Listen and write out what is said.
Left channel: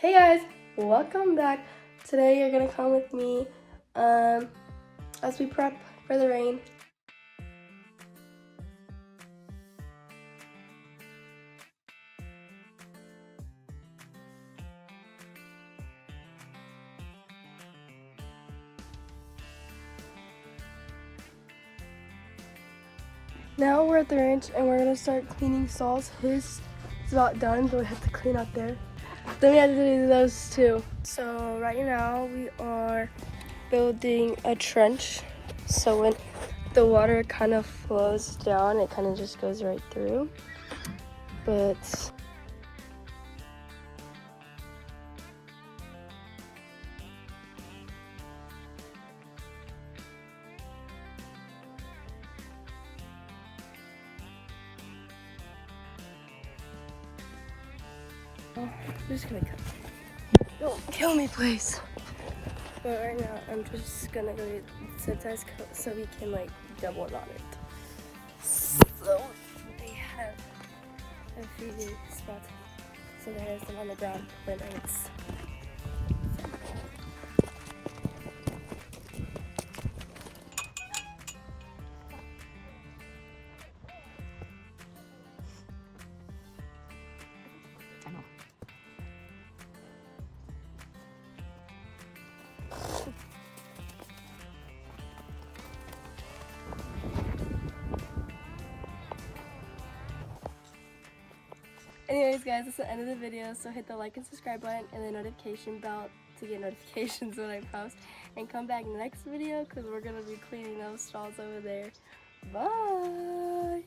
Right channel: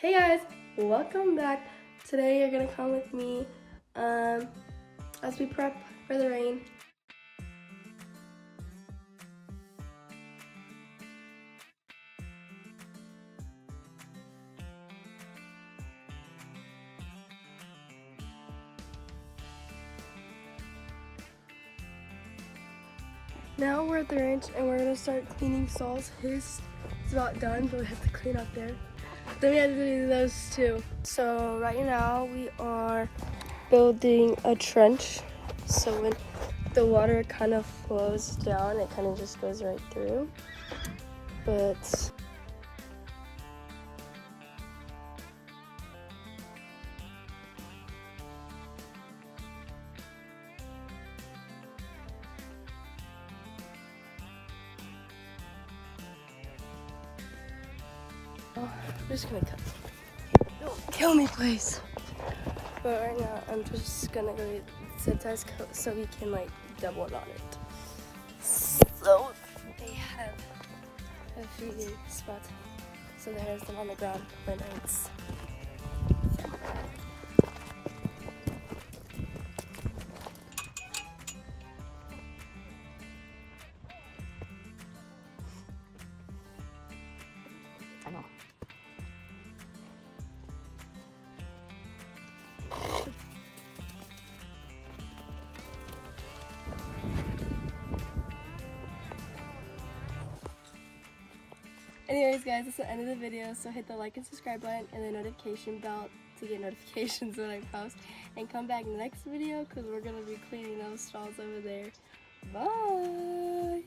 Hey guys, welcome back. Today you're gonna come with me as we prep for the rain. Now we're at the ranch and we're gonna start cleaning stalls. His is not done, but we have to clean up there. Then we have to do those too. So right now we are building a trench. So when the water kind of flows down, it kind of just goes right through. But I'm just gonna cut. Don't kill me, please. But right now, I'm just gonna go get sanitized coat so we can like double it on it. So they have a few spots, so there's them on the ground when it's. I know. Anyways guys, that's the end of the video, so hit the like and subscribe button and the notification bell to get notifications when I post, and come back next video because we're going to be cleaning those stalls over there. Bye!